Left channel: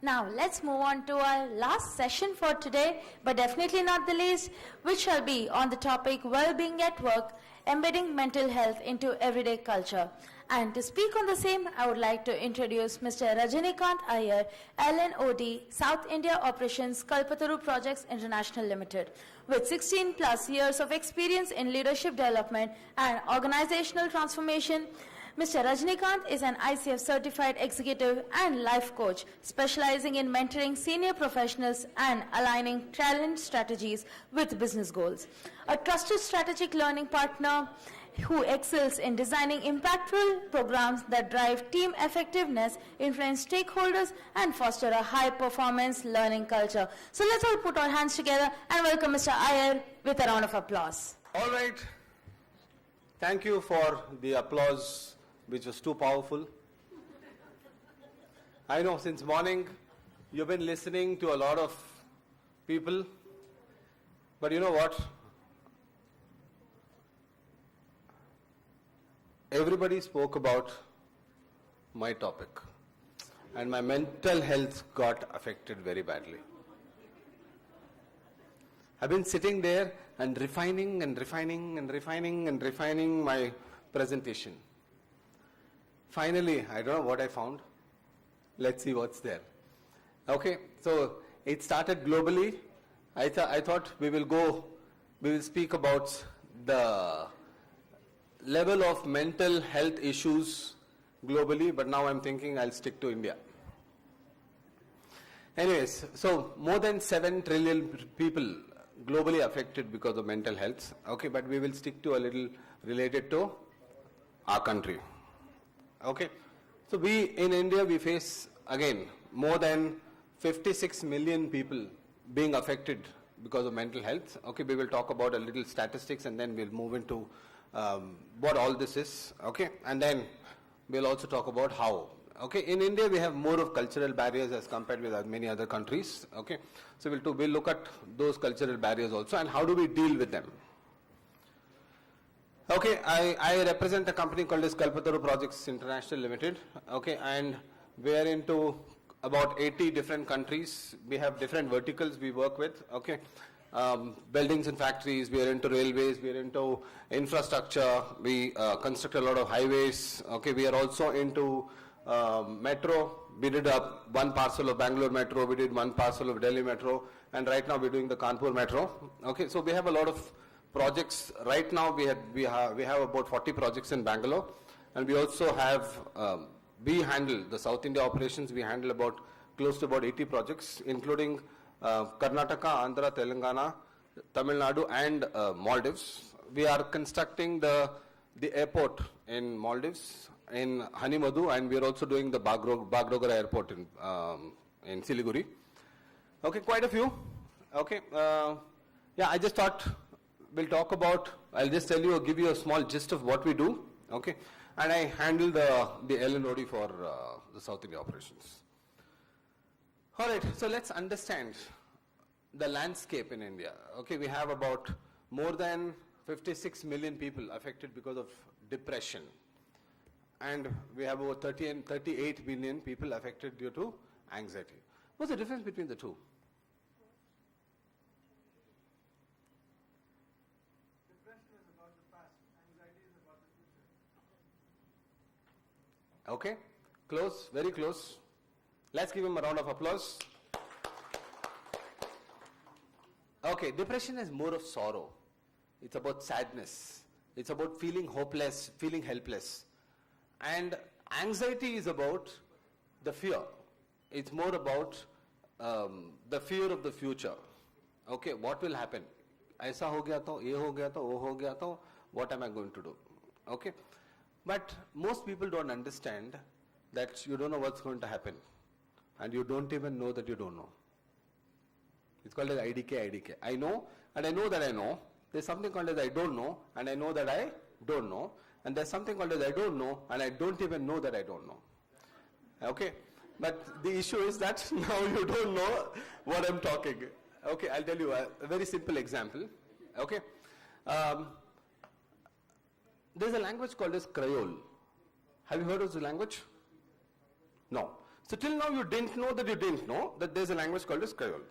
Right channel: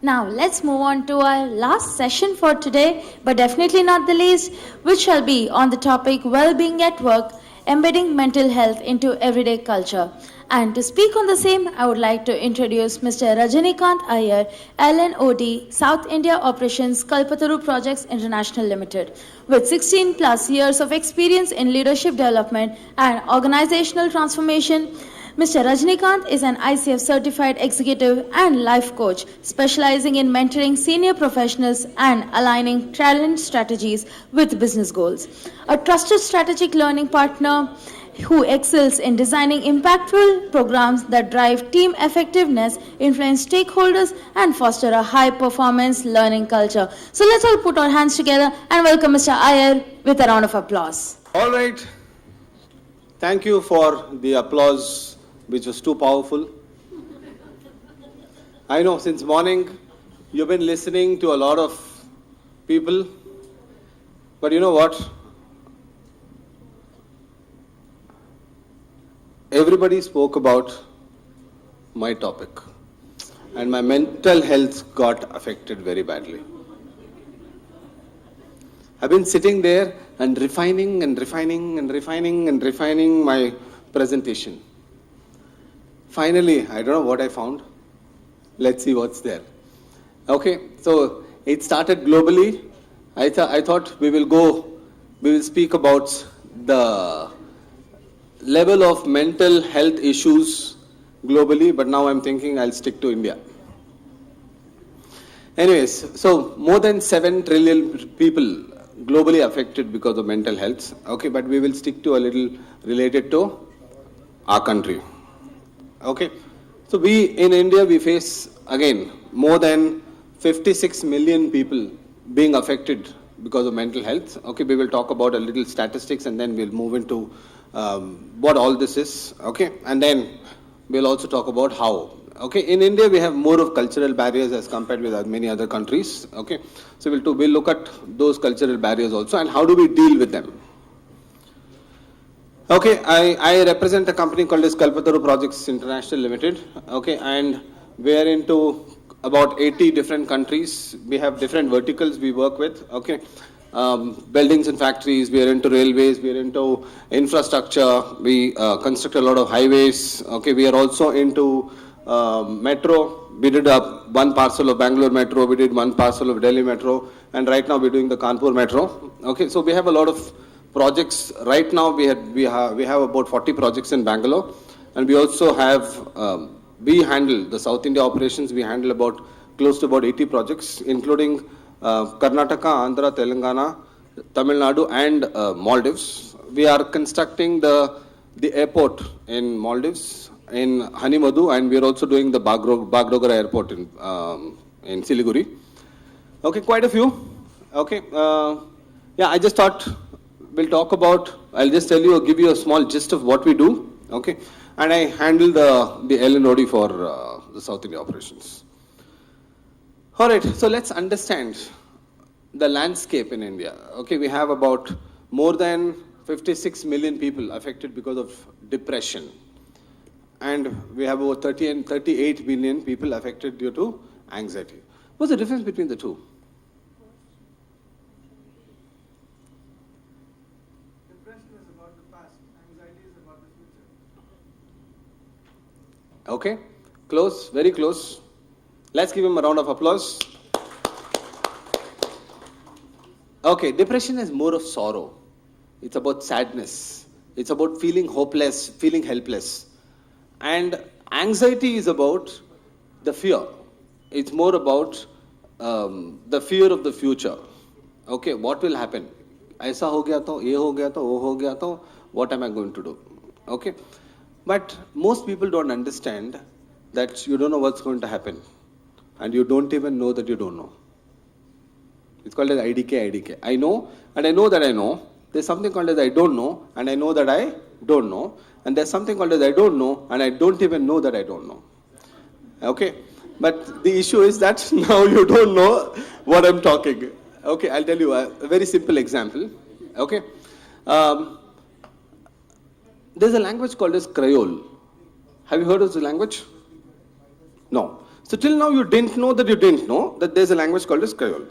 Now let's move on to our last session for today, but definitely not the least, which shall be on the topic well-being at work, embedding mental health into everyday culture. And to speak on the same, I would like to introduce Mr. Rajanikhanth Iyer, LNOD, South India Operations Kalpataru Projects International Limited. With 16 plus years of experience in leadership development and organizational transformation, Mr. Rajnikant is an ICF certified executive and life coach specializing in mentoring senior professionals and aligning talent strategies with business goals. A trusted strategic learning partner who excels in designing impactful programs that drive team effectiveness, influence stakeholders, and foster a high-performance learning culture. So let's all put our hands together and welcome Mr. Iyer with a round of applause. All right. Thank you for the applause, which was too powerful. I know since morning you've been listening to a lot of people, but you know what? Everybody spoke about my topic, and my mental health got affected very badly. I've been sitting there and refining my presentation. Finally, I don't know what I found. Let's see what's there. Okay, so it started globally. I thought we will speak about the level of mental health issues globally, but now I'm thinking I'll stick to India. Anyways, so more than 7 trillion people globally affected because of mental health. Okay, but we will stick to a little related to our country. Okay, so we in India, we face again more than 56 million people being affected because of mental health. Okay, we will talk about a little statistics and then we'll move into what all this is. Okay, and then we'll also talk about how. Okay, in India we have more of cultural barriers as compared with many other countries. Okay, so we'll look at those cultural barriers also and how do we deal with them. Okay, I represent a company called as Kalpataru Projects International Limited. Okay, and we are into about 80 different countries. We have different verticals we work with. Okay, buildings and factories. We are into railways. We are into infrastructure. We construct a lot of highways. Okay, we are also into metro. We did one parcel of Bangalore Metro. We did one parcel of Delhi Metro, and right now we're doing the Kanpur Metro. Okay, so we have a lot of projects. Right now we have about 40 projects in Bangalore, and we also have we handle the South India operations. We handle close to about 80 projects, including Karnataka, Andhra, Telangana, Tamil Nadu, and Maldives. We are constructing the airport in Maldives, in Hanimadu, and we are also doing the Bagdogra airport in Siliguri. Okay, quite a few. Okay, yeah, I just thought we'll talk about, I'll just tell you, give you a small gist of what we do, okay? And I handle the LNOD for the South India operations. All right, so let's understand the landscape in India. Okay, we have about more than 56 million people affected because of depression. And we have over 38 million people affected due to anxiety. What's the difference between the two? Okay, close, very close. Let's give him a round of applause. Okay, depression is more of sorrow. It's about sadness. It's about feeling hopeless, feeling helpless. And anxiety is about the fear. It's more about the fear of the future. Okay, what will happen? Aisa ho gaya to, ye ho gaya to, wo ho gaya to, what am I going to do? Okay. But most people don't understand that you don't know what's going to happen. And you don't even know that you don't know. It's called as IDK. I know, and I know that I know. There's something called as I don't know, and I know that I don't know. And there's something called as I don't know, and I don't even know that I don't know. Okay? But the issue is that now you don't know what I'm talking. Okay, I'll tell you a very simple example. Okay? There's a language called as Creole. Have you heard of the language? No. So till now you didn't know that there's a language called as Creole.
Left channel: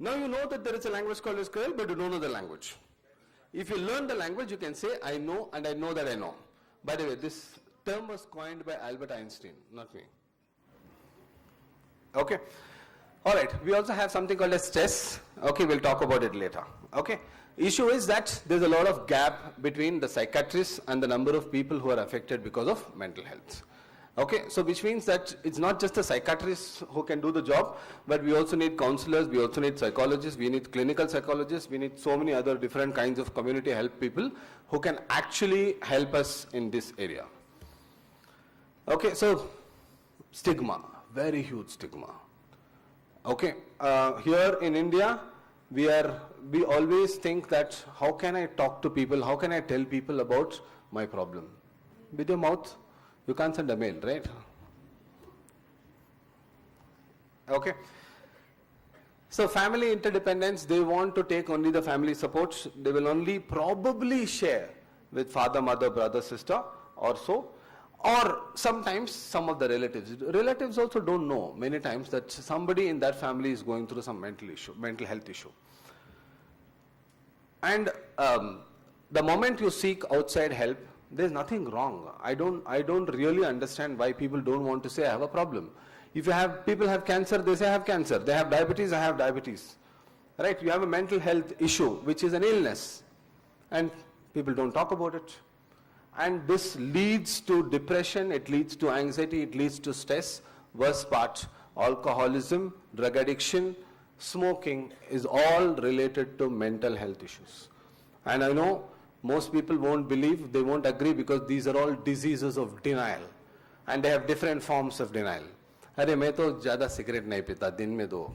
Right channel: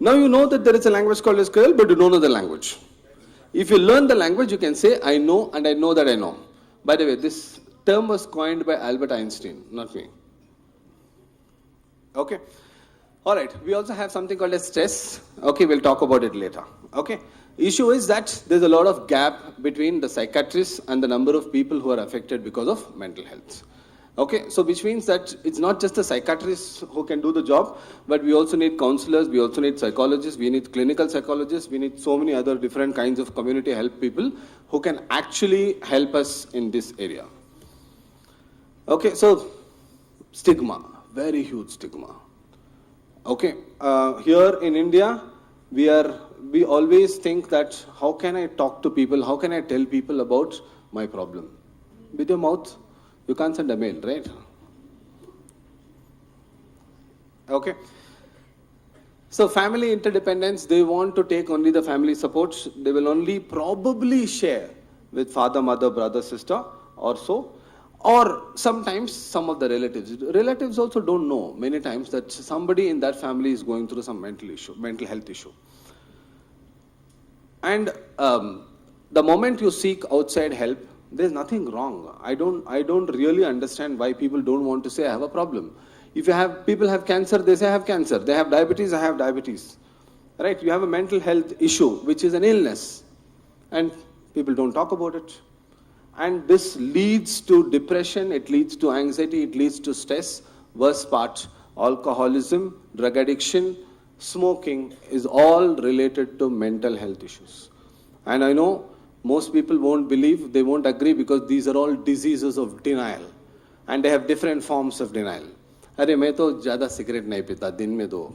Now you know that there is a language called as Creole, but you don't know the language. If you learn the language, you can say, I know and I know that I know. By the way, this term was coined by Albert Einstein, not me. Okay. All right. We also have something called as stress. Okay, we'll talk about it later. Okay. Issue is that there's a lot of gap between the psychiatrists and the number of people who are affected because of mental health. Okay, so which means that it's not just the psychiatrists who can do the job, but we also need counselors, we also need psychologists, we need clinical psychologists, we need so many other different kinds of community help people who can actually help us in this area. Okay, so stigma, very huge stigma. Okay, here in India, we always think that how can I talk to people, how can I tell people about my problem? With your mouth, you can't send a mail, right? Okay. So family interdependence, they want to take only the family supports. They will only probably share with father, mother, brother, sister or so. Or sometimes some of the relatives. Relatives also don't know many times that somebody in that family is going through some mental health issue. And the moment you seek outside help, there's nothing wrong. I don't really understand why people don't want to say I have a problem. If people have cancer, they say I have cancer. They have diabetes, I have diabetes. Right? You have a mental health issue, which is an illness. And people don't talk about it. And this leads to depression, it leads to anxiety, it leads to stress. Worst part, alcoholism, drug addiction, smoking is all related to mental health issues. And I know most people won't believe, they won't agree because these are all diseases of denial. And they have different forms of denial. Arey, main to zyada cigarette nahi pita, din mein do.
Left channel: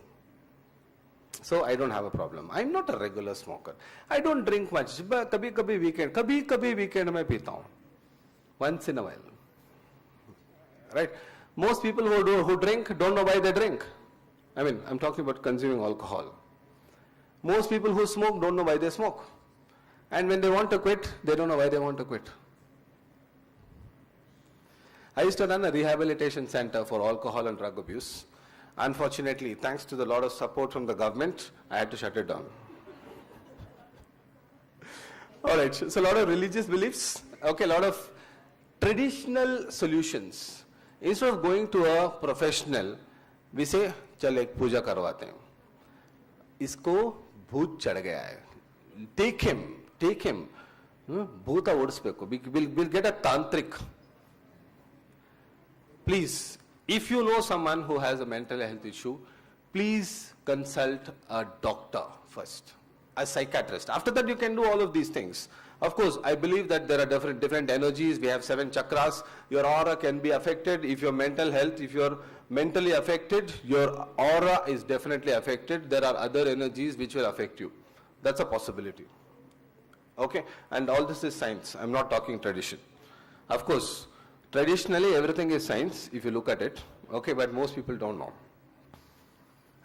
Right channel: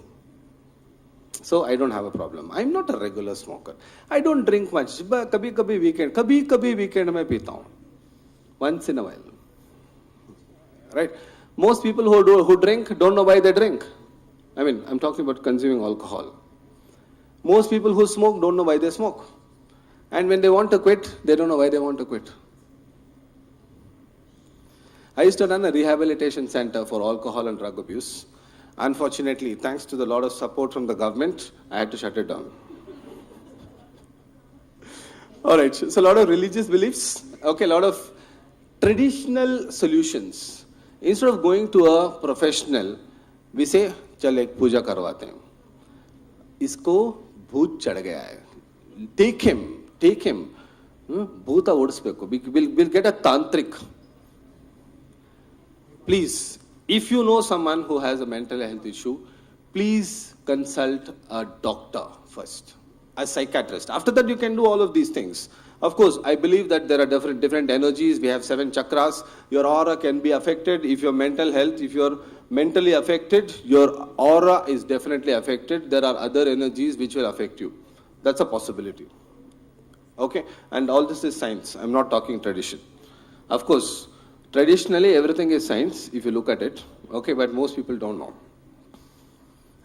So I don't have a problem. I'm not a regular smoker. I don't drink much. But kabhi weekend mein pita hu. Once in a while. Right? Most people who drink don't know why they drink. I mean, I'm talking about consuming alcohol. Most people who smoke don't know why they smoke. And when they want to quit, they don't know why they want to quit. I used to run a rehabilitation center for alcohol and drug abuse. Unfortunately, thanks to the lot of support from the government, I had to shut it down. All right, so a lot of religious beliefs, okay, a lot of traditional solutions. Instead of going to a professional, we say, चल एक पूजा करवाते हैं. इसको भूत चढ़ गया है. Take him. Bhuta odspeku. We'll get a tantric. Please, if you know someone who has a mental health issue, please consult a doctor first, a psychiatrist. After that, you can do all of these things. Of course, I believe that there are different energies. We have 7 chakras. Your aura can be affected. If you're mentally affected, your aura is definitely affected. There are other energies which will affect you. That's a possibility. Okay, and all this is science. I'm not talking tradition. Of course, traditionally everything is science if you look at it. Okay, but most people don't know.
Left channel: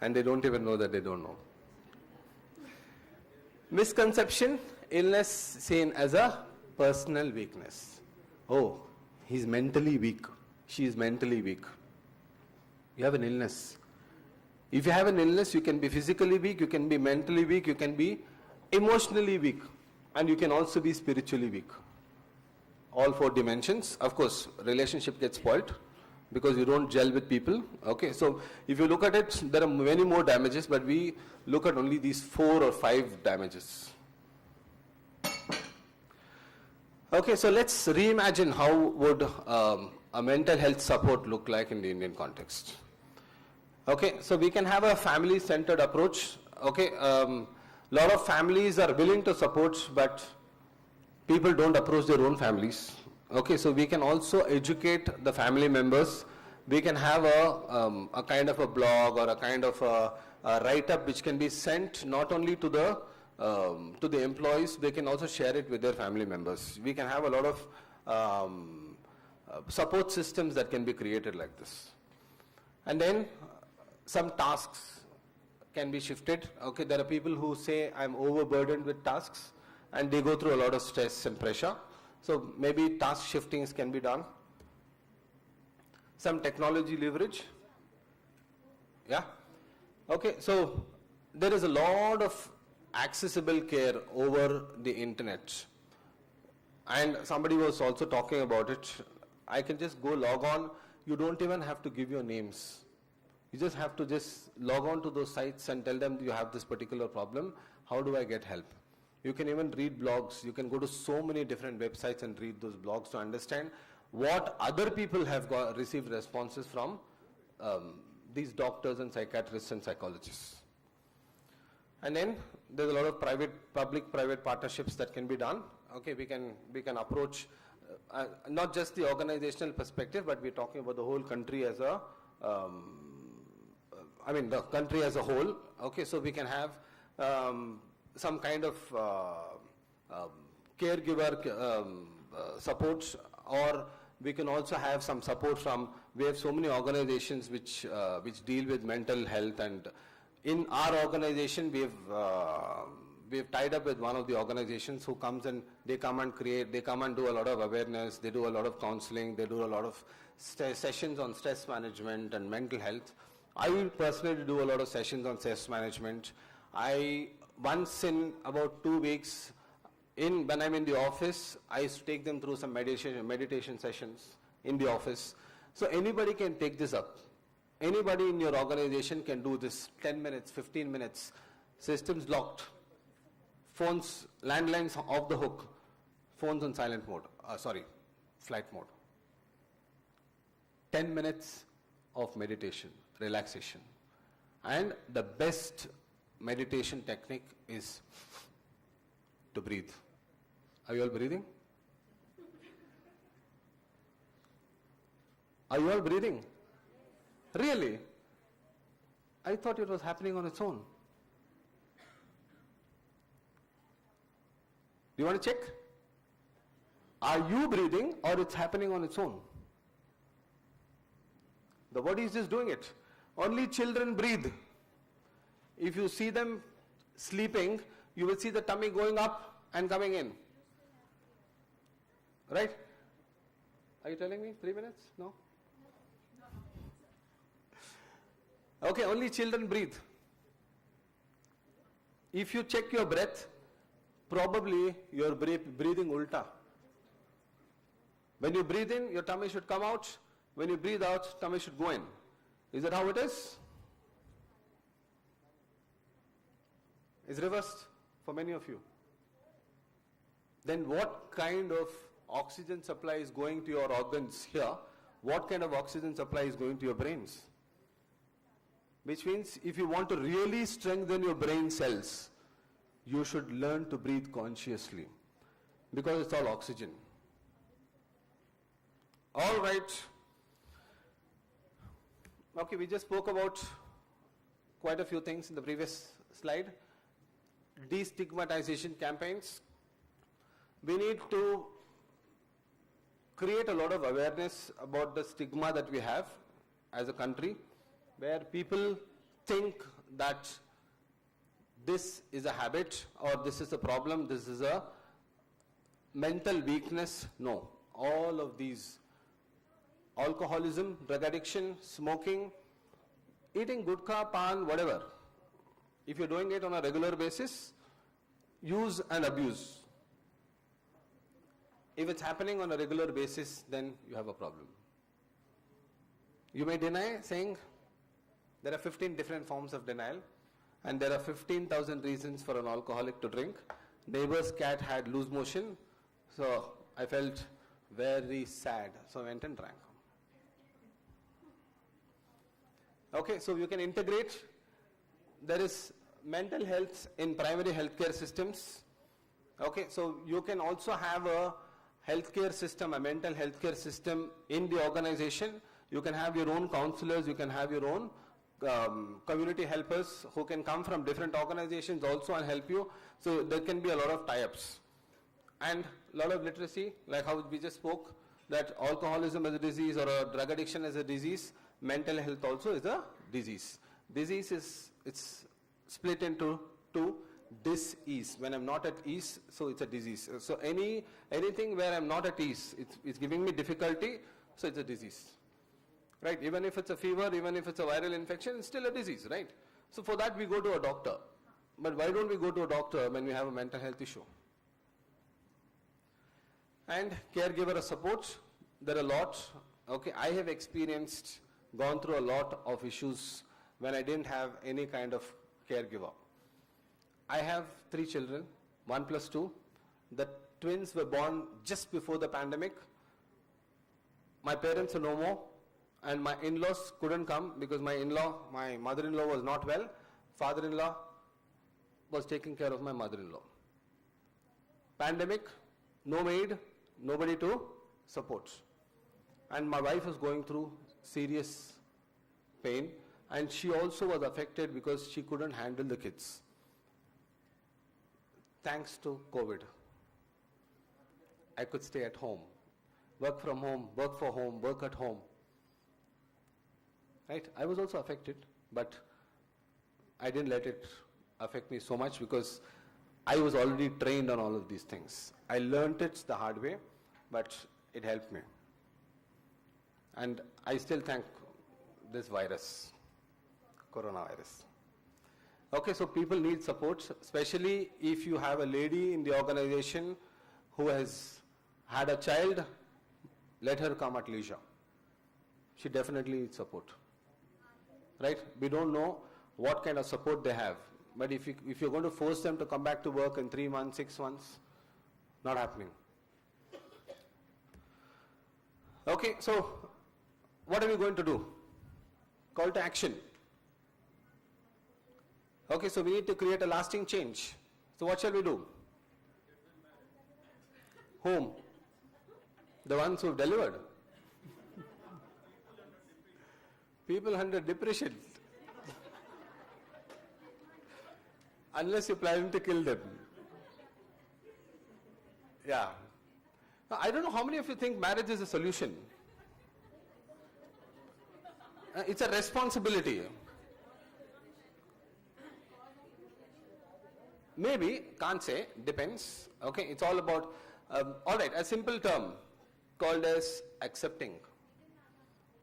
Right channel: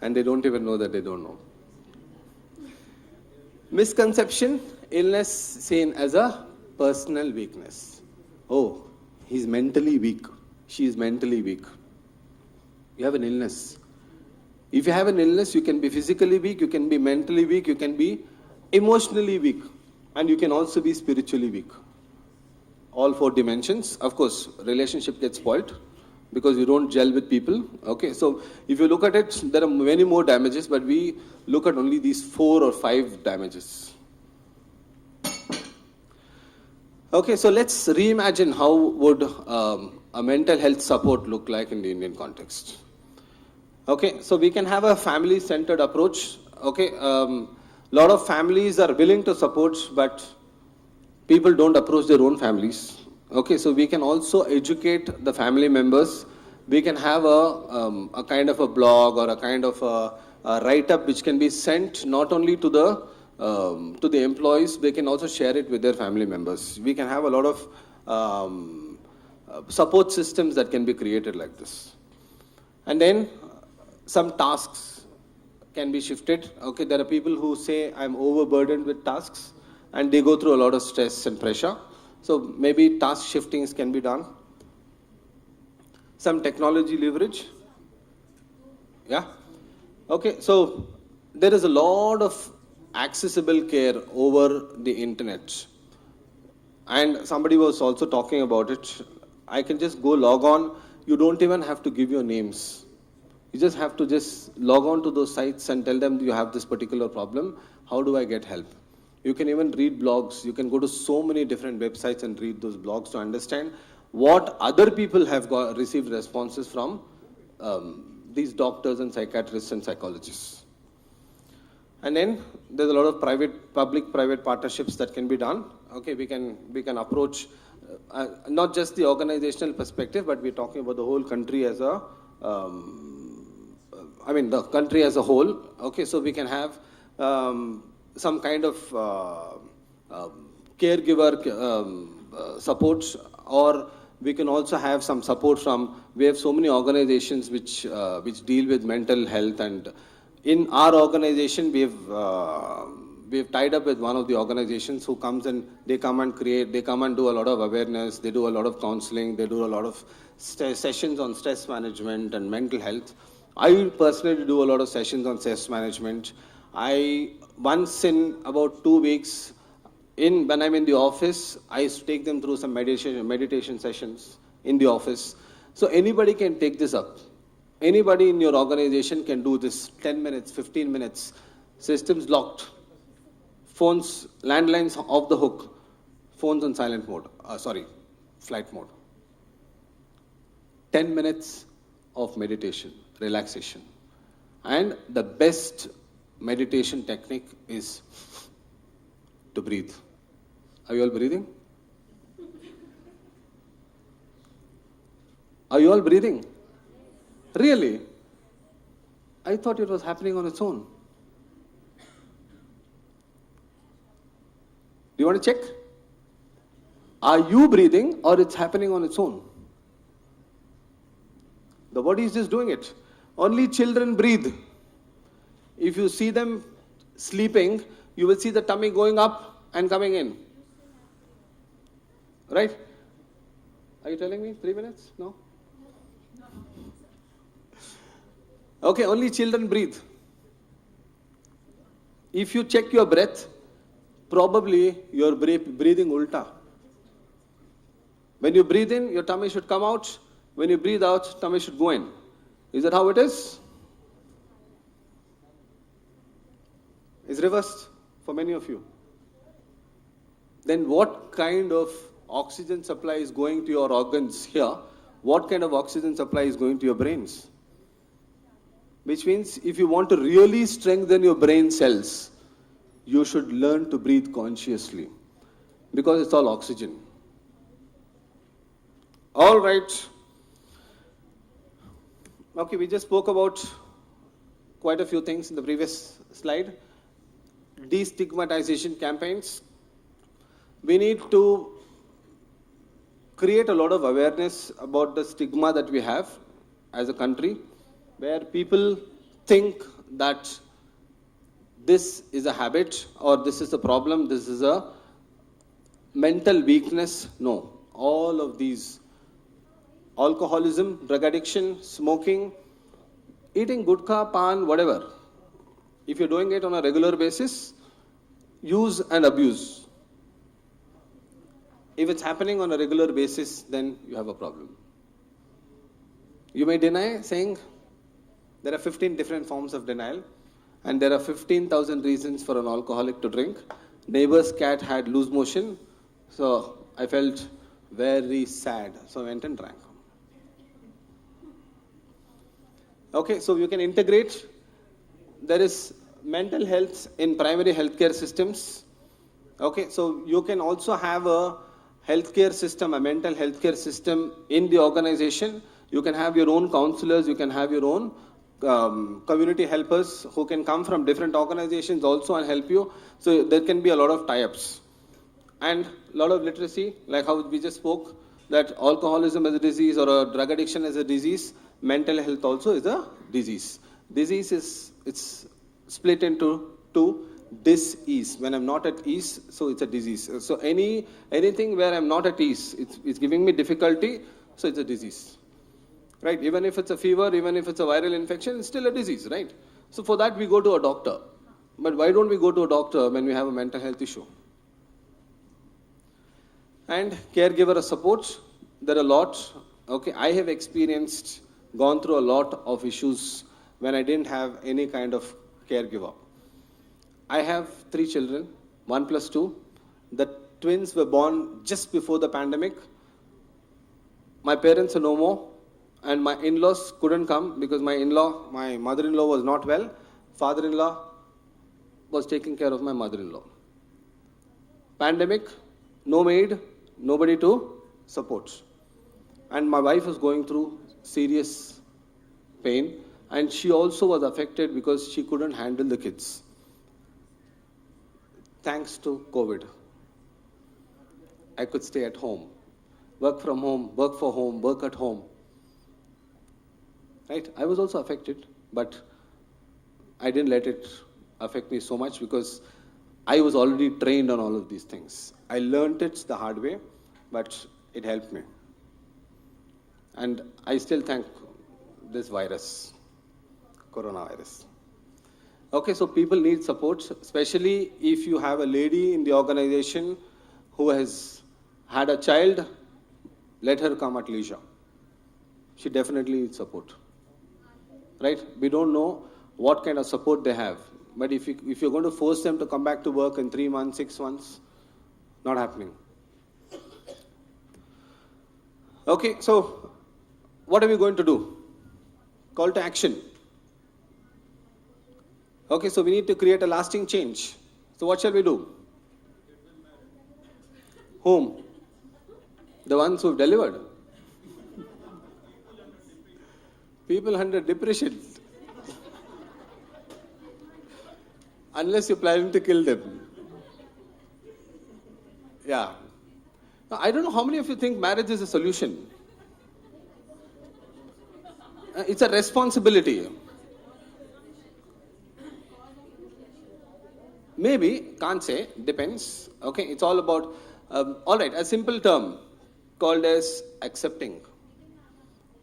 And they don't even know that they don't know. Misconception, illness seen as a personal weakness. Oh, he's mentally weak. She is mentally weak. You have an illness. If you have an illness, you can be physically weak, you can be mentally weak, you can be emotionally weak, and you can also be spiritually weak. All 4 dimensions. Of course, relationship gets spoiled because you don't gel with people. Okay, so if you look at it, there are many more damages, but we look at only these 4 or 5 damages. Okay, so let's reimagine how would a mental health support look like in the Indian context. Okay, so we can have a family-centered approach. Okay, lot of families are willing to support, but people don't approach their own families. Okay, so we can also educate the family members. We can have a kind of a blog or a kind of a write-up which can be sent not only to the employees, they can also share it with their family members. We can have a lot of support systems that can be created like this. And then some tasks can be shifted. Okay, there are people who say I'm overburdened with tasks and they go through a lot of stress and pressure. So maybe task shiftings can be done. some technology leverage. Yeah? Okay, so there is a lot of accessible care over the internet. And somebody was also talking about it. I can just go log on. You don't even have to give your names. You just have to just log on to those sites and tell them you have this particular problem. How do I get help? You can even read blogs. You can go to so many different websites and read those blogs to understand what other people have received responses from these doctors and psychiatrists and psychologists. And then there's a lot of public-private partnerships that can be done. Okay, we can approach not just the organizational perspective, but we're talking about the whole country as a, the country as a whole. Okay, so we can have some kind of caregiver support, or we can also have some support from, we have so many organizations which deal with mental health, and in our organization we've tied up with one of the organizations who comes and they come and do a lot of awareness, they do a lot of counseling, they do a lot of sessions on stress management and mental health. I personally do a lot of sessions on stress management. Once in about 2 weeks, when I'm in the office, I used to take them through some meditation sessions in the office. So anybody can take this up. Anybody in your organization can do this, 10 minutes, 15 minutes, systems locked, phones, landlines off the hook, phones on silent mode, flight mode. 10 minutes of meditation, relaxation. And the best meditation technique is to breathe. Are you all breathing? Are you all breathing? Really? I thought it was happening on its own. Do you want to check? Are you breathing or it's happening on its own? The body is just doing it. Only children breathe. If you see them sleeping, you will see the tummy going up and coming in. Right? Are you telling me 3 minutes? No? Okay, only children breathe. If you check your breath, probably you're breathing ulta. When you breathe in, your tummy should come out. When you breathe out, tummy should go in. Is that how it is? It's reversed for many of you. Then what kind of oxygen supply is going to your organs here? What kind of oxygen supply is going to your brains? Which means if you want to really strengthen your brain cells, you should learn to breathe consciously, because it's all oxygen. All right. Okay, we just spoke about quite a few things in the previous slide. Destigmatization campaigns. We need to create a lot of awareness about the stigma that we have as a country, where people think that this is a habit, or this is a problem, this is a mental weakness. No, all of these, alcoholism, drug addiction, smoking, eating gutcha, pan, whatever, if you're doing it on a regular basis, use and abuse. If it's happening on a regular basis, then you have a problem. You may deny, saying there are 15 different forms of denial, and there are 15,000 reasons for an alcoholic to drink. Neighbor's cat had loose motion, so I felt very sad, so I went and drank. Okay, so you can integrate. There is mental health in primary healthcare systems. Okay, so you can also have a healthcare system, a mental healthcare system in the organization. You can have your own counselors, you can have your own community helpers who can come from different organizations also and help you. So there can be a lot of tie-ups. And a lot of literacy, like how we just spoke, that alcoholism is a disease or a drug addiction is a disease, mental health also is a disease. Disease is, it's split into two. Dis-ease, when I'm not at ease, so it's a disease. So anything where I'm not at ease, it's giving me difficulty, so it's a disease. right? Even if it's a fever, even if it's a viral infection, it's still a disease, right? So for that, we go to a doctor. But why don't we go to a doctor when we have a mental health issue? And caregiver support, there are a lot. Okay, I have experienced, gone through a lot of issues when I didn't have any kind of caregiver. I have 3 children, 1 plus 2. The twins were born just before the pandemic. My parents are no more, and my in-laws couldn't come because my mother-in-law was not well. Father-in-law was taking care of my mother-in-law. Pandemic, no maid, nobody to support. And my wife was going through serious pain, and she also was affected because she couldn't handle the kids. Thanks to COVID, I could stay at home, work from home, work for home, work at home. Right? I was also affected, but I didn't let it affect me so much because I was already trained on all of these things. I learned it the hard way, but it helped me. And I still thank this virus, coronavirus. Okay, so people need support, especially if you have a lady in the organization who has had a child, let her come at leisure. She definitely needs support. Right? We don't know what kind of support they have. But if you're going to force them to come back to work in 3 months, 6 months, not happening. Okay, so what are we going to do? Call to action. Okay, so we need to create a lasting change. So what shall we do? Whom? The ones who've delivered. People under depression. Unless you're planning to kill them. Yeah. Now, I don't know how many of you think marriage is a solution. It's a responsibility. Maybe, can't say, depends. Okay, it's all about, all right, a simple term called as accepting.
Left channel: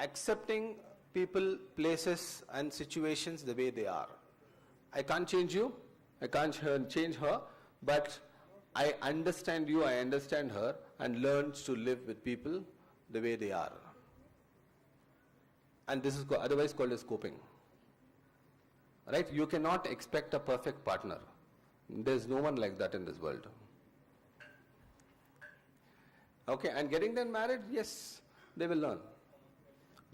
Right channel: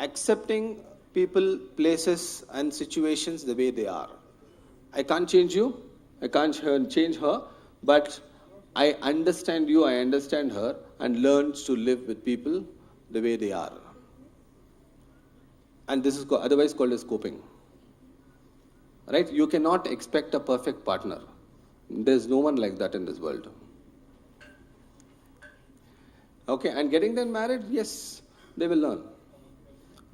Accepting people, places, and situations the way they are. I can't change you, I can't change her, but I understand you, I understand her, and learn to live with people the way they are. And this is otherwise called as coping. Right? You cannot expect a perfect partner. There's no one like that in this world. Okay, and getting them married, yes, they will learn.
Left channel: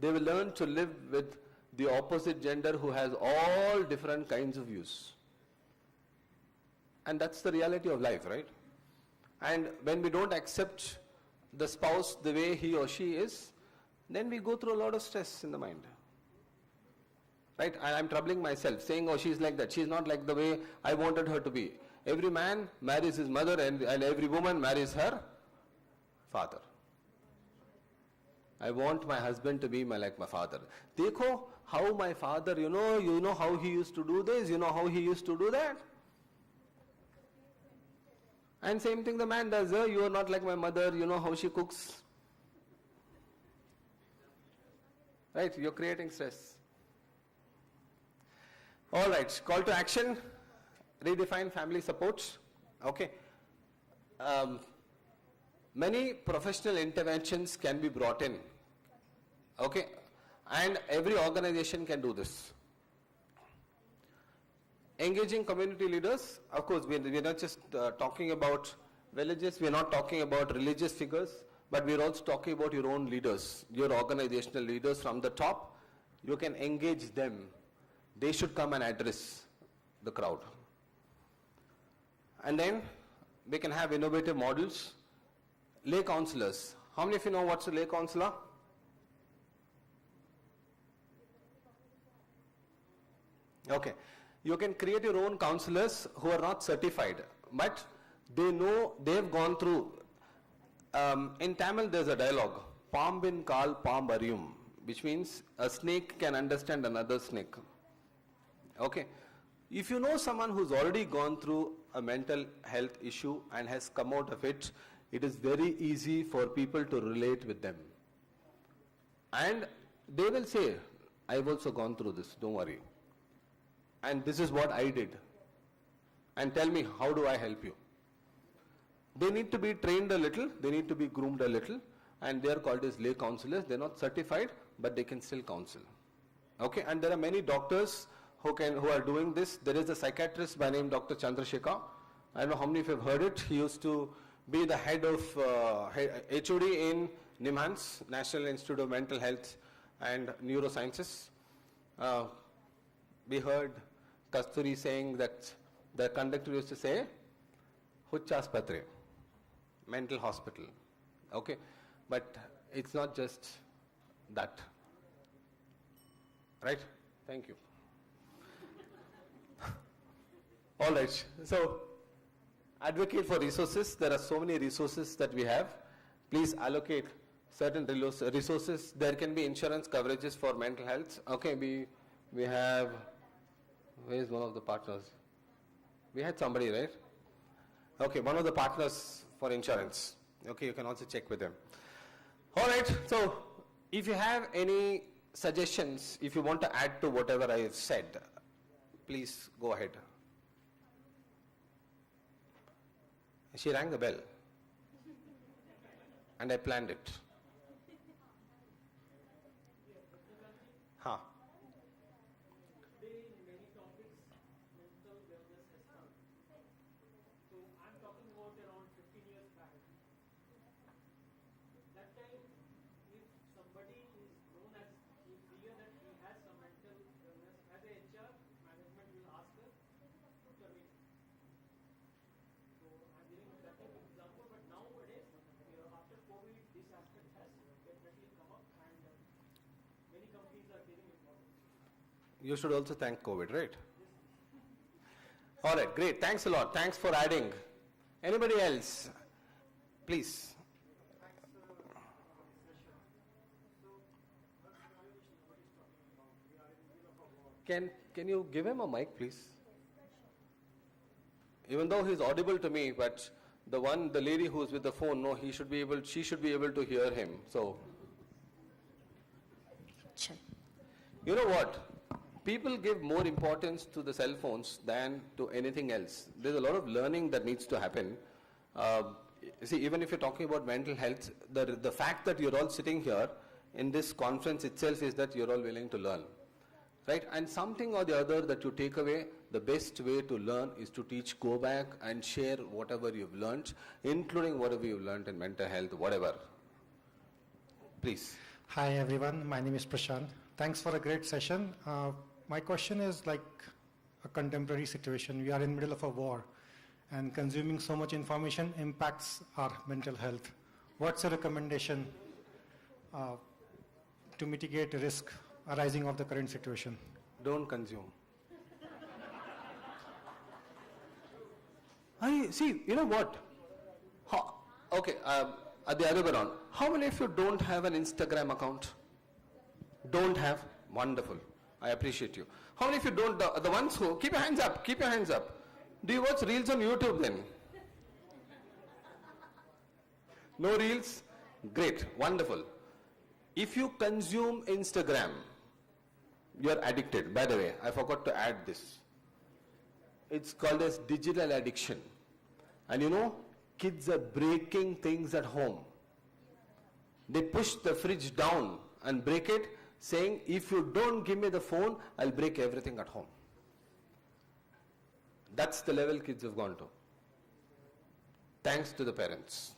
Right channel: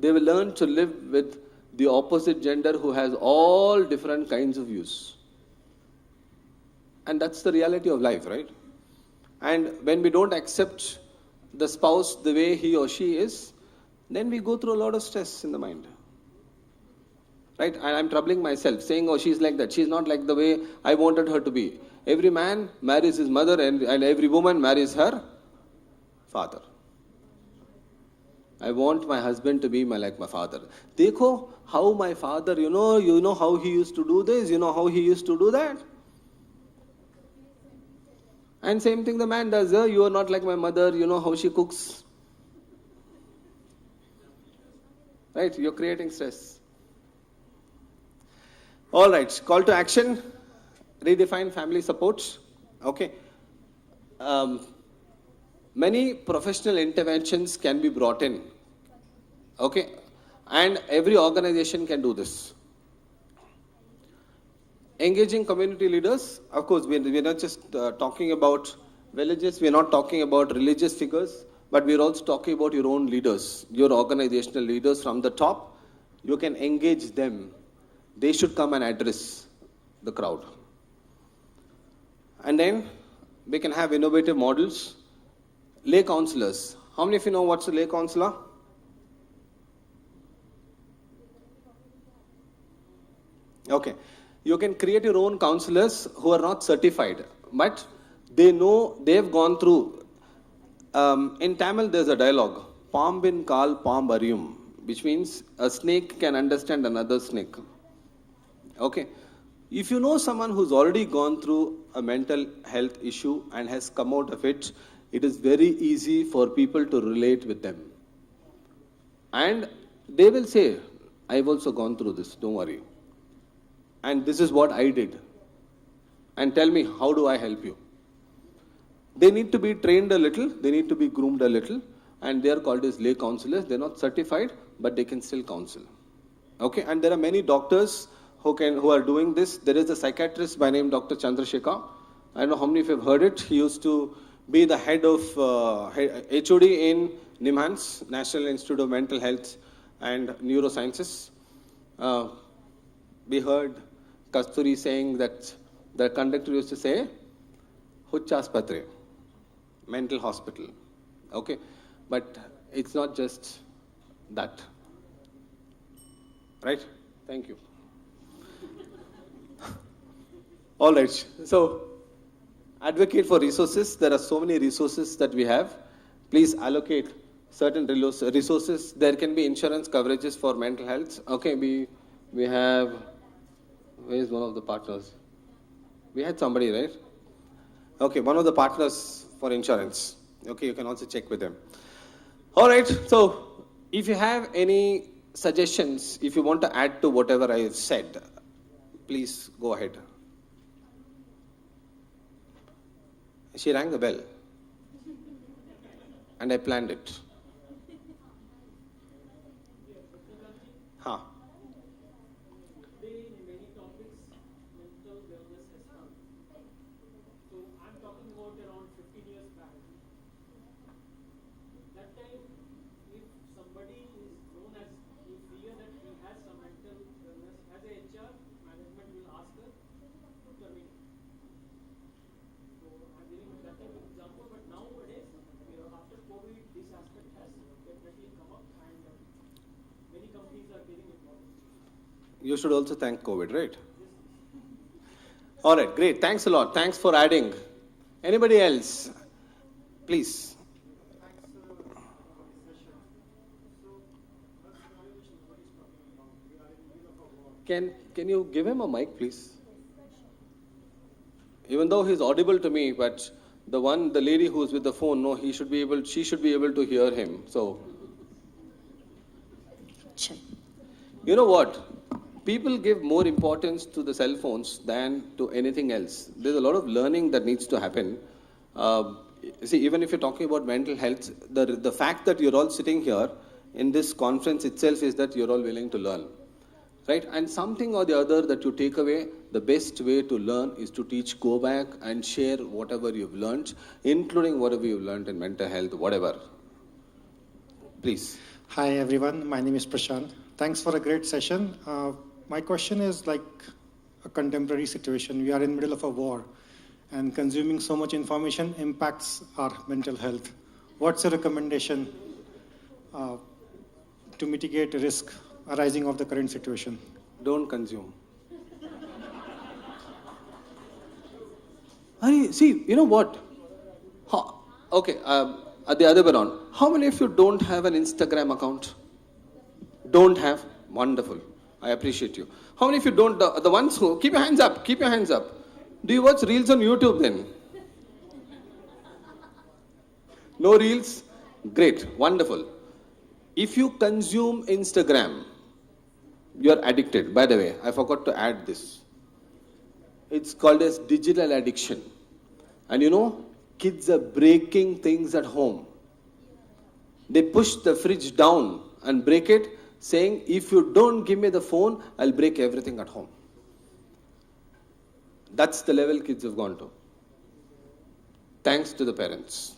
They will learn to live with the opposite gender who has all different kinds of views. And that's the reality of life, right? And when we don't accept the spouse the way he or she is, then we go through a lot of stress in the mind. Right? I'm troubling myself, saying, oh, she's like that. She's not like the way I wanted her to be. Every man marries his mother and every woman marries her father. I want my husband to be like my father. Dekho how my father, you know how he used to do this, you know how he used to do that. And same thing the man does, you are not like my mother, you know how she cooks. Right, you're creating stress. All right, call to action, redefine family support. Okay. Many professional interventions can be brought in. Okay, and every organization can do this. Engaging community leaders, of course, we're not just talking about villages, we're not talking about religious figures, but we're also talking about your own leaders, your organizational leaders from the top. You can engage them. They should come and address the crowd. And then we can have innovative models. Lay counselors. How many of you know what's a lay counselor? Okay. You can create your own counselors who are not certified, but they know, they've gone through. In Tamil, there's a dialogue, Pambin Kal Pambarium, which means a snake can understand another snake. Okay. If you know someone who's already gone through a mental health issue and has come out of it, it is very easy for people to relate with them. And they will say, I've also gone through this, don't worry. And this is what I did. And tell me, how do I help you? They need to be trained a little, they need to be groomed a little, and they are called as lay counselors. They're not certified, but they can still counsel. Okay, and there are many doctors who are doing this. There is a psychiatrist by name Dr. Chandrasekhar. I don't know how many of you have heard it. He used to be the head of HOD in NIMHANS, National Institute of Mental Health and Neurosciences. We heard Kasturi saying that the conductor used to say, Huchaspatre, mental hospital. Okay, but it's not just that. Right? Thank you. All right. So, advocate for resources. There are so many resources that we have. Please allocate certain resources. There can be insurance coverages for mental health. Okay, we have, where is one of the partners? We had somebody, right? Okay, one of the partners for insurance. Okay, you can also check with them. All right, so if you have any suggestions, if you want to add to whatever I have said, please go ahead. She rang the bell and I planned it. Huh. You should also thank COVID, right? All right, great. Thanks a lot. Thanks for adding. Anybody else? Please. Can you give him a mic, please? Even though he's audible to me, but the lady who's with the phone, no, she should be able to hear him. So, Check. you know what? People give more importance to the cell phones than to anything else. There's a lot of learning that needs to happen. See, even if you're talking about mental health, the fact that you're all sitting here in this conference itself is that you're all willing to learn. Right? And something or the other that you take away, the best way to learn is to teach, go back and share whatever you've learned, including whatever you've learned in mental health, whatever. Please. Hi everyone, my name is Prashant. Thanks for a great session. My question is like a contemporary situation. We are in the middle of a war and consuming so much information impacts our mental health. What's your recommendation to mitigate risk arising of the current situation? Don't consume. See, you know what? Okay, at the other way around, how many of you don't have an Instagram account? Don't have? Wonderful. I appreciate you. How many of you don't, the ones who, keep your hands up, keep your hands up. Do you watch reels on YouTube then? No reels? Great, wonderful. If you consume Instagram, you are addicted. By the way, I forgot to add this. It's called as digital addiction. And you know, kids are breaking things at home. They push the fridge down and break it, saying, if you don't give me the phone, I'll break everything at home. That's the level kids have gone to. Thanks to the parents.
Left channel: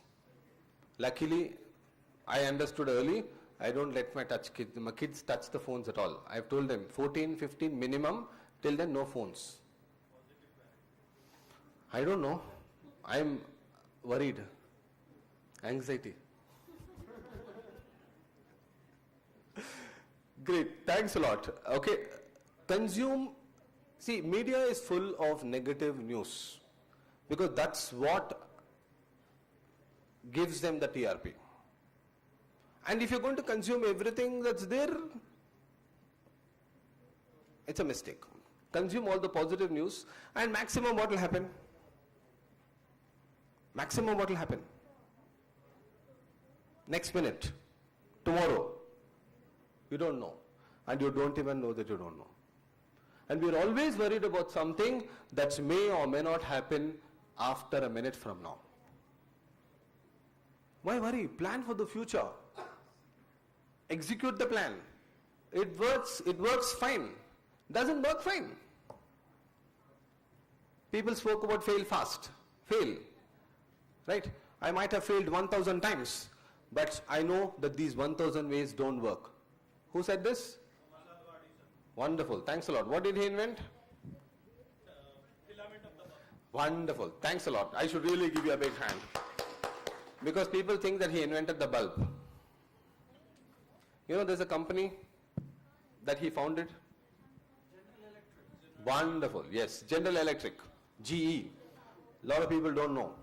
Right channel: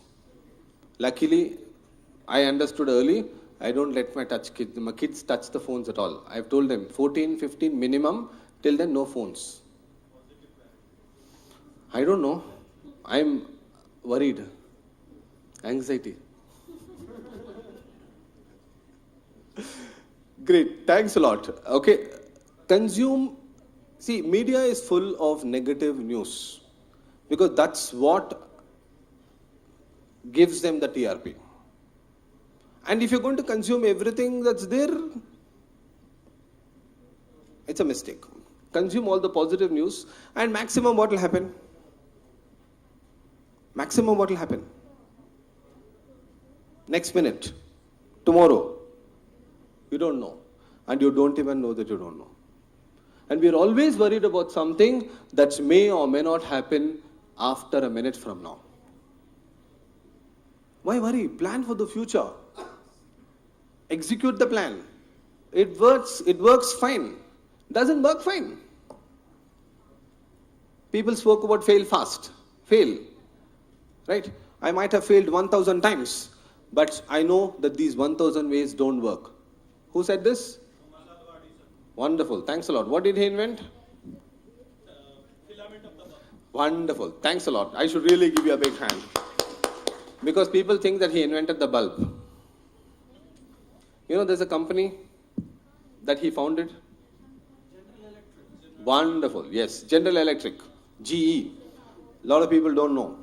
Luckily, I understood early, I don't let my kids touch the phones at all. I've told them 14, 15 minimum, till then no phones. I don't know. I'm worried. Anxiety. Great, thanks a lot. Okay, see, media is full of negative news because that's what gives them the TRP. And if you're going to consume everything that's there, it's a mistake. Consume all the positive news and maximum what will happen? Maximum what will happen? Next minute, tomorrow, You don't know. And you don't even know that you don't know. And we're always worried about something that may or may not happen after a minute from now. Why worry? Plan for the future. Execute the plan. It works fine. Doesn't work fine. People spoke about fail fast. Fail. Right? I might have failed 1,000 times, but I know that these 1,000 ways don't work. Who said this? Wonderful. Thanks a lot. What did he invent? Wonderful. Thanks a lot. I should really give you a big hand. Because people think that he invented the bulb. You know, there's a company that he founded. Wonderful. Yes. General Electric. GE. A lot of people don't know.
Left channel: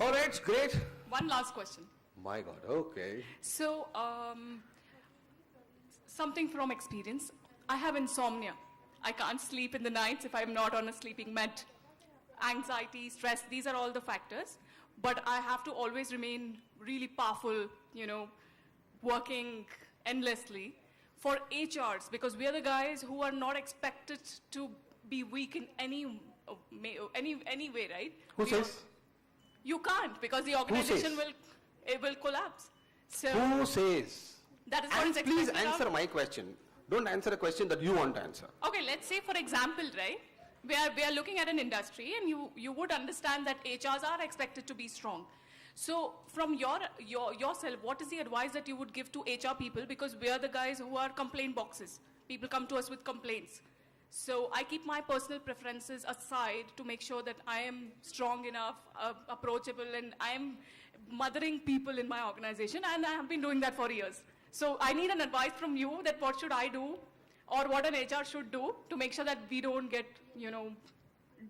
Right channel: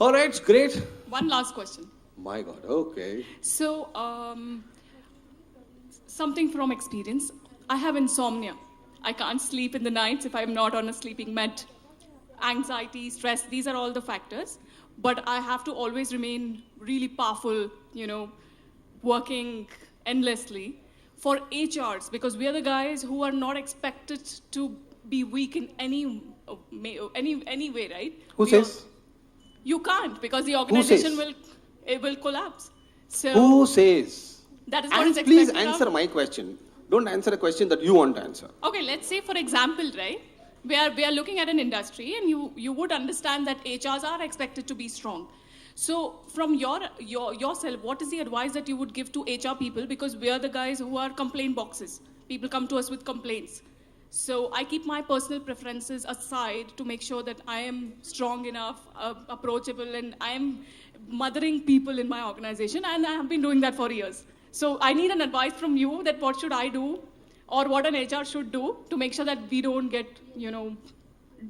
All right. Great. One last question. My God. Okay. So, something from experience. I have insomnia. I can't sleep in the nights if I'm not on a sleeping med. Anxiety, stress, these are all the factors. But I have to always remain really powerful, working endlessly for HRs, because we are the guys who are not expected to be weak in any way, right? Who says? You can't, because the organization says? will collapse. So Who says? that is what And is please expected answer of. my question. Don't answer a question that you want to answer. Okay, let's say, for example, right, we are looking at an industry, and you would understand that HRs are expected to be strong. So from yourself, what is the advice that you would give to HR people? Because we are the guys who are complaint boxes. People come to us with complaints. So I keep my personal preferences aside to make sure that I am strong enough, approachable, and I'm mothering people in my organization, and I have been doing that for years. So I need an advice from you that what should I do, or what an HR should do to make sure that we don't get,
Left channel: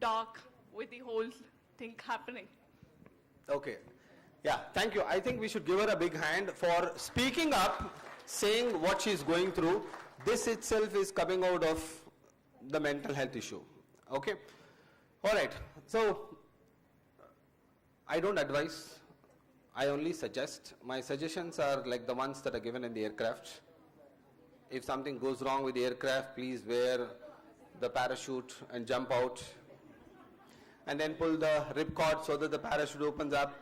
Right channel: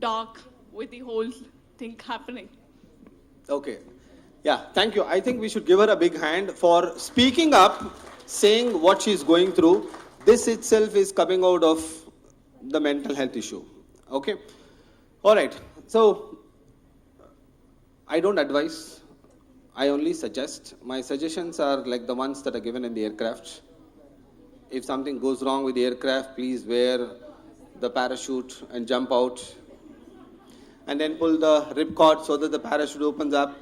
dark with the whole thing happening. Okay. Yeah, thank you. I think we should give her a big hand for speaking up, saying what she's going through. This itself is coming out of the mental health issue. Okay? All right. So, I don't advise. I only suggest. My suggestions are like the ones that are given in the aircraft. If something goes wrong with the aircraft, please wear the parachute and jump out. And then pull the ripcord so that the parachute opens up.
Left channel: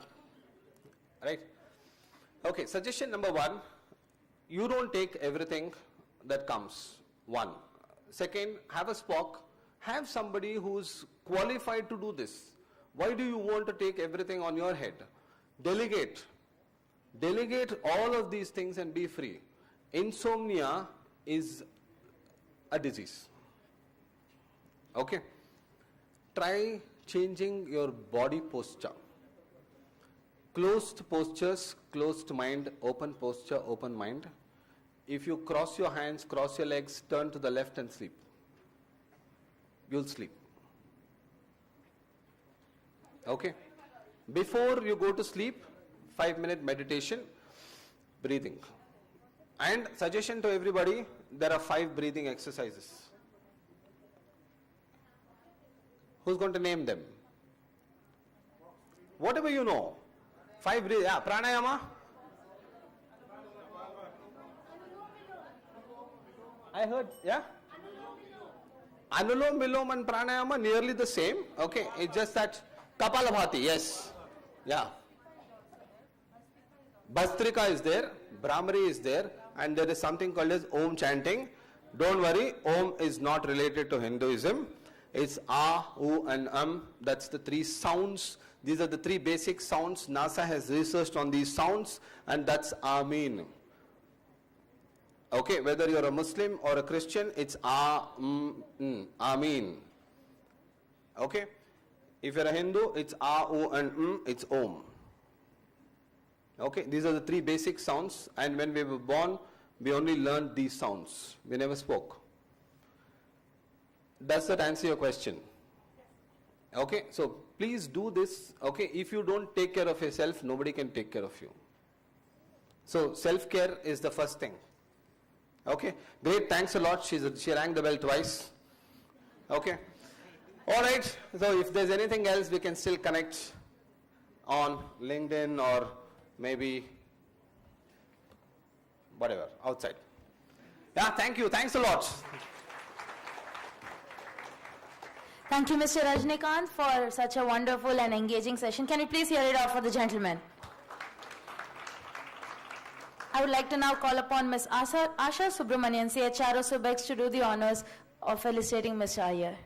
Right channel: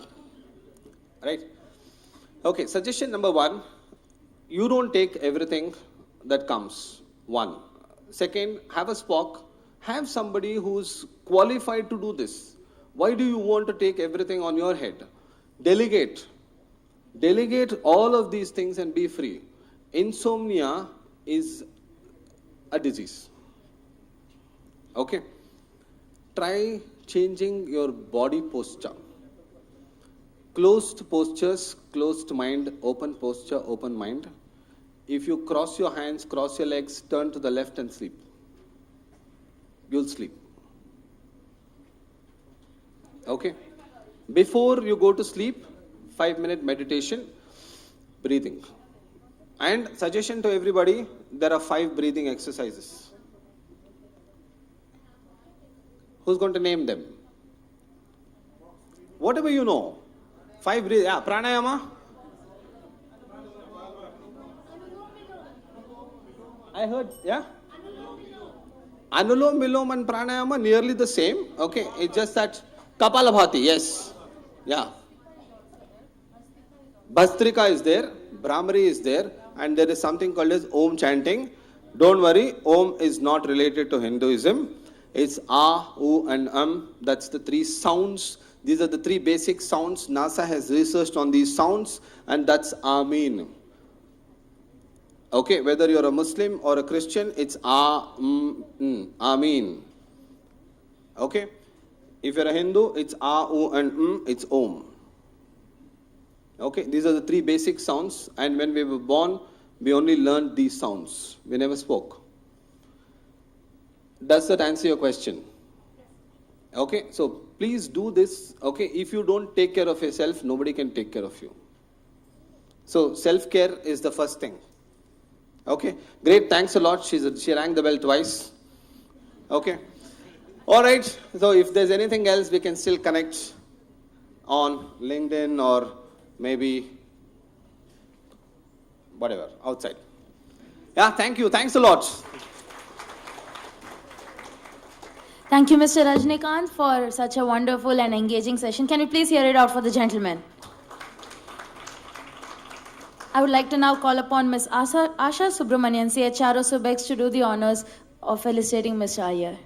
Right? Okay, suggestion number 1, you don't take everything that comes. 1. Second, have a Spock. Have somebody who's qualified to do this. Why do you want to take everything on your head? Delegate. Delegate all of these things and be free. Insomnia is a disease. Okay? Try changing your body posture. Closed postures, closed mind, open posture, open mind. If you cross your hands, cross your legs, turn to the left and sleep. You'll sleep. Okay? Before you go to sleep, 5-minute meditation, breathing. And suggestion to everybody, there are 5 breathing exercises. Who's going to name them? Whatever you know. 5 breathing. Yeah, pranayama. I heard, yeah? Anulom, Vilom and pranayama nearly the same. Okay, it's just that Kapalabhati, yes. Yeah. Bastrika is there, Brahmari is there, and there is something called as Om chanting. Don't worry, Om is not related to Hinduism. It's Ah, U and That's the 3 sounds. These are the 3 basic sounds. NASA has researched on these sounds, and that's Ameen. Okay, whether you're a Muslim or a Christian, it's Ameen. Okay? If you're a Hindu, it's A, U and it's Om. Okay, these are the 3 basic sounds, and when we were born, we only learned these sounds. We never spoke. Does that answer your question? Okay, so please do this. Okay, if you don't take care of yourself, nobody can take care of you. So self-care is the first thing. Okay, great, thanks a lot. She rang the bell twice. Okay, all right. So if there's anything else, we can still connect on LinkedIn or maybe whatever, outside. Yeah, thank you. Thanks a lot. Thank you, Mr. Rajnikant, for such a wonderful and engaging session. Can you please hear it out for the gentlemen? I would like to now call upon Ms. Asha Subramanian, CHRO Confex, to do the honors of felicitating Mr. Iyer.